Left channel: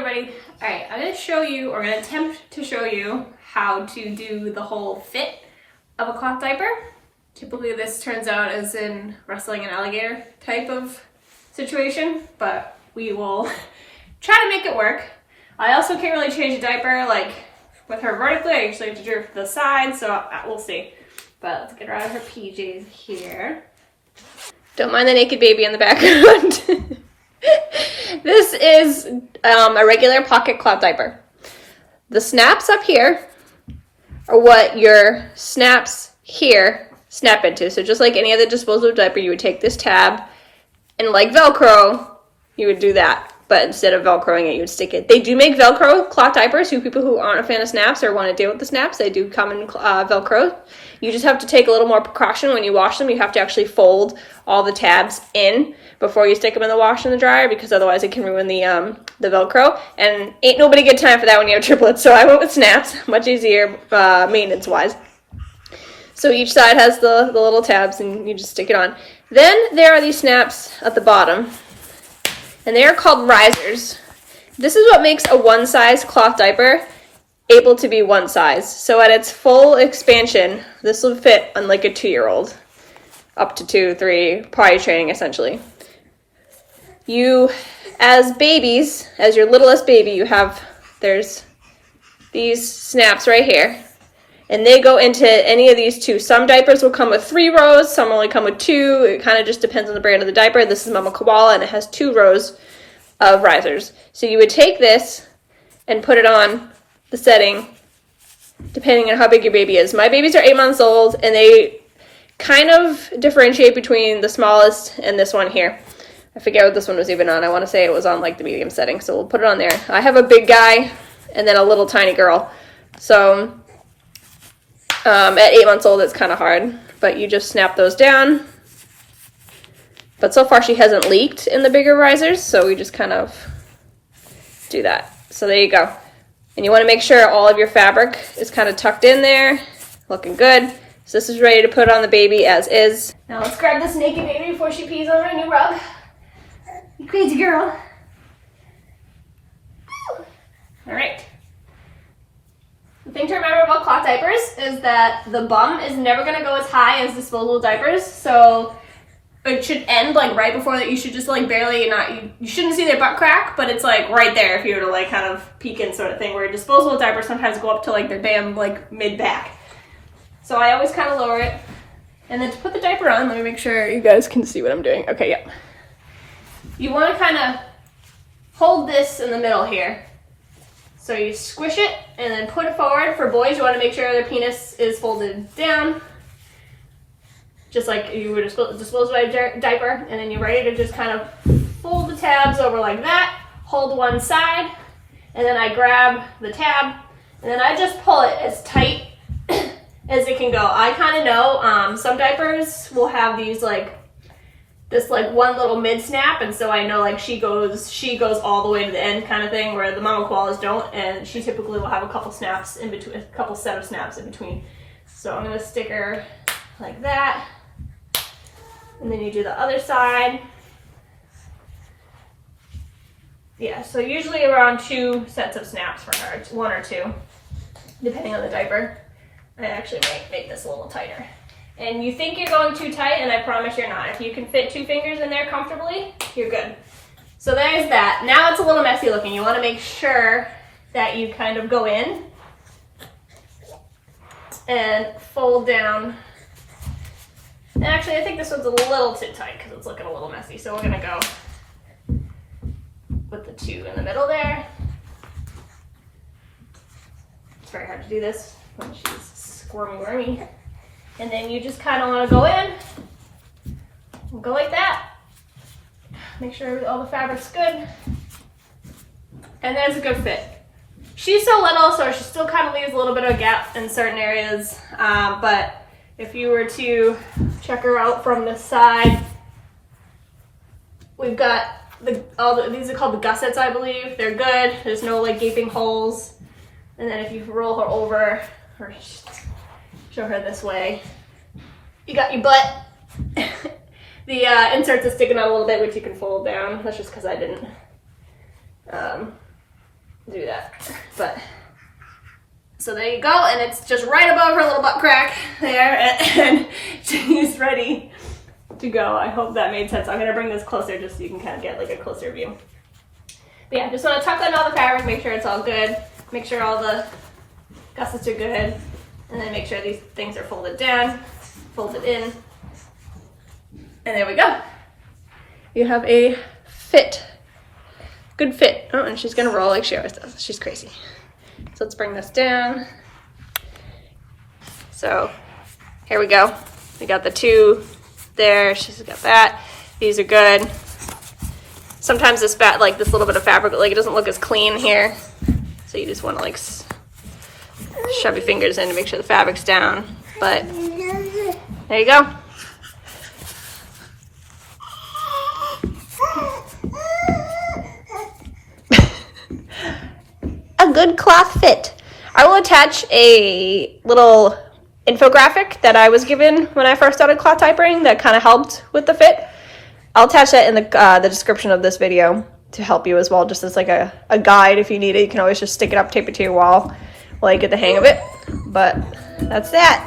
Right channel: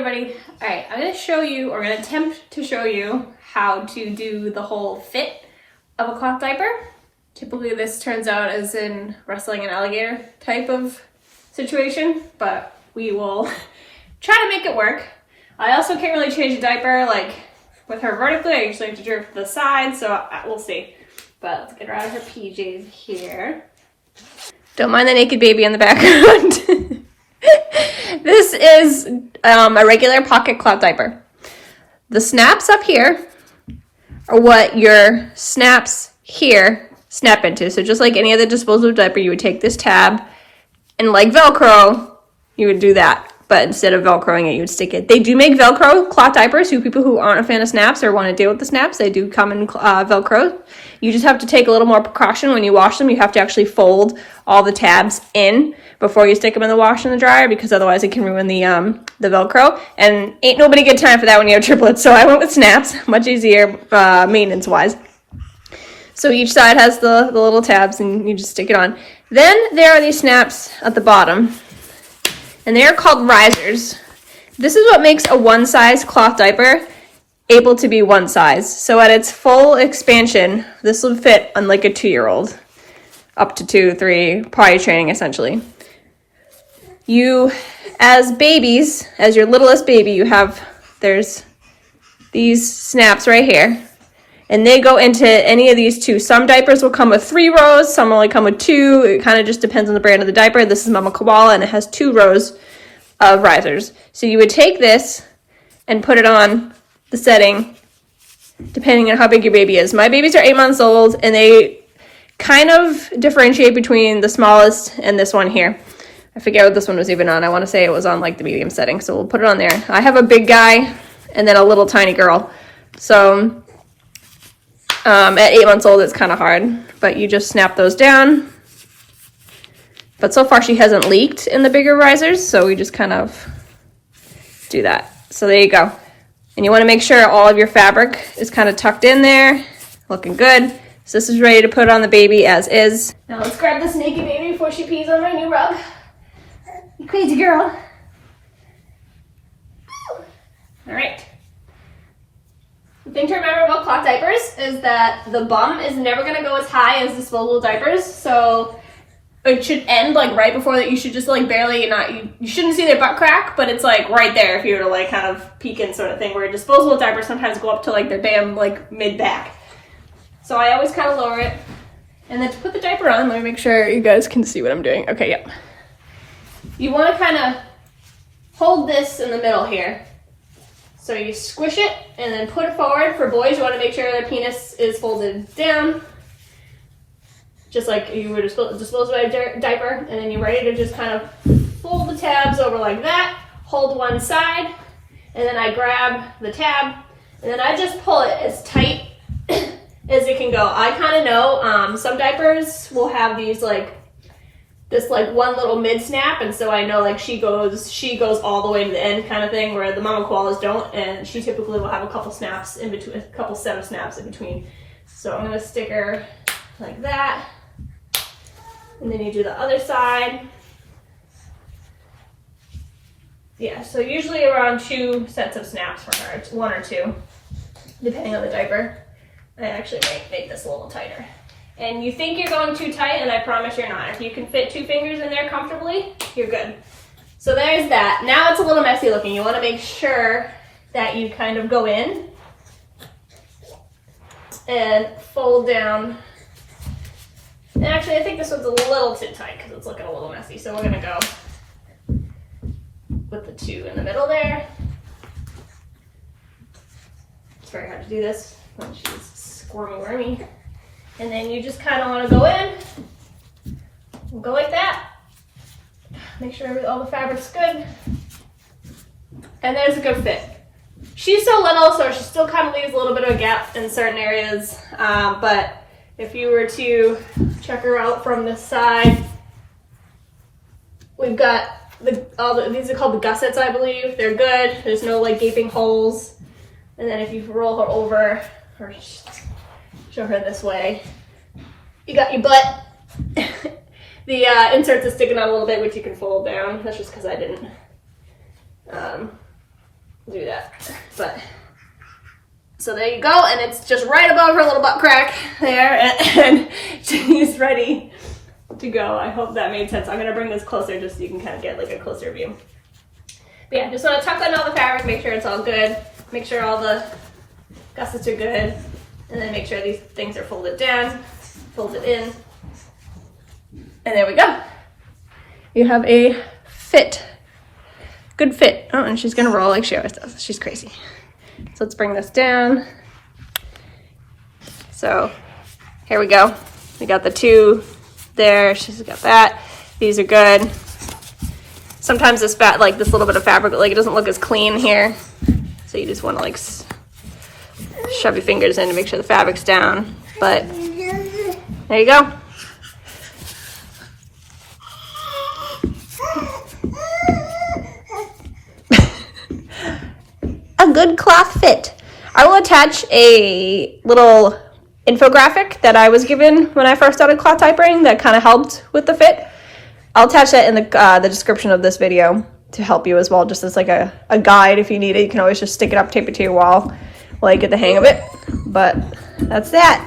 everybody. All right, I'm gonna show you, or I'm gonna attempt to show you how to do the whole fit of a cloth diaper. Typically this turns out as in wrestling an alligator type of situation, but we will try to make it work. I also can't really change the diaper like with her vertically. I usually have to do it to the side, so we'll see. But let's get her out of her PJs here. Don't mind the naked baby in the background. This is a regular pocket cloth diaper. The snaps up here are what your snaps here snap into. So just like any other disposable diaper, you would take this tab and like Velcro, you would do that. But instead of Velcroing it, you would stick it. They do make Velcro cloth diapers. You people who aren't a fan of snaps or want to deal with the snaps, they do come in Velcro. You just have to take a little more precaution when you wash them. You have to actually fold all the tabs in before you stick them in the wash and the dryer, because otherwise it can ruin the Velcro. And ain't nobody get time for that when you have triplets. So I went with snaps, much easier maintenance-wise. So each side has the little tabs, and you just stick it on. Then there are these snaps at the bottom, and they are called risers. This is what makes a one-size cloth diaper able to be one size. So at its full expansion, this will fit on like a 2-year-old, up to 2, 3, potty training essentially. You, as babies, as your littlest baby, there's these snaps right here, and they go into any of these two. Some diapers will come with 3 rows, some only come with 2. It kind of just depends on the brand of the diaper. This is Mama Koala, and it has 2 rows of risers. So you would take this and put it on the setting, depending on how big your baby is. My babies are 8 months old, and they kind of differentiate between the smallest and this one here. I forget what this one was even on. I want to say it was on like the medium setting, so we'll put it on there. I have a big guy and then a little tiny girl. So at 8 months old, it's kind of hard, but you just snap those down. But so far she hasn't leaked in the bigger risers, so we just kind of do that. So there you go. And you want to make sure all of your fabric is kind of tucked in there, looking good. So this is ready to put on the baby as is. Now let's grab this naked baby before she pees on my new rug. You crazy girl. All right. The thing to remember about cloth diapers is that the bum is never going to go as high as disposable diapers. So it should end like right before that. You should just like barely you shouldn't see their butt crack, but it's like right there if you were to like kind of peek in sort of thing, where disposable diapers sometimes go up to like their damn like mid back. So I always kind of lower it. And then to put the diaper on, let me make sure you guys can see what I'm doing. Okay, yep. You want to kind of hold this in the middle here. So you squish it and then put it forward. For boys, you want to make sure their penis is folded down, just like you would disposable diaper. And then you're ready to just kind of fold the tabs over like that, hold one side, and then I grab the tab, and then I just pull it as tight as it can go. I kind of know some diapers will have these like this like one little mid snap, and so I know like she goes all the way to the end kind of thing, where the Mama Koalas don't, and she typically will have a couple snaps in between, a couple set of snaps in between. So I'm gonna stick her like that, and then you do the other side. Yeah, so usually around 2 sets of snaps for her. It's 1 or 2, depending on the diaper. I actually make this a little tighter. And you think you're going too tight, and I promise you're not. If you can fit 2 fingers in there comfortably, you're good. So there's that. Now it's a little messy looking. You want to make sure that you kind of go in and fold down. And actually, I think this one's a little too tight because it's looking a little messy. So we're going to go with the 2 in the middle there. It's very hard to do this when she's squirmy wormy. And then you just kind of want to go in, and go like that. Make sure all the fabric's good. And there's a good fit. She's so little, so she still kind of leaves a little bit of a gap in certain areas. But if you were to check her out from the side, we've got these are called the gussets, I believe. They're good. There's no like gaping holes. And then if you roll her over, or show her this way, you got your butt. The inserts are sticking out a little bit, which you can fold down. That's just because I didn't do that. But so there you go, and it's just right above her little butt crack there, and she's ready to go. I hope that made sense. I'm gonna bring this closer just so you can kind of get like a closer view. But yeah, just want to tuck in all the fabric, make sure it's all good, make sure all the gussets are good, and then make sure these things are folded down, folded in, and there we go. You have a fit, good fit. Oh, and she's gonna roll like she always does. She's crazy. So let's bring this down. So here we go. We got the two there. She's got that. These are good. Sometimes this like this little bit of fabric, like it doesn't look as clean here. So you just want to like shove your fingers in to make sure the fabric's down. But there you go. A good cloth fit. I will attach a little infographic that I was given when I first started cloth diapering that kind of helped with the fit. I'll attach that in the description of this video to help you as well, just as like a guide if you need it. You can always just stick it up, tape it to your wall while you get the hang of it. But that's that.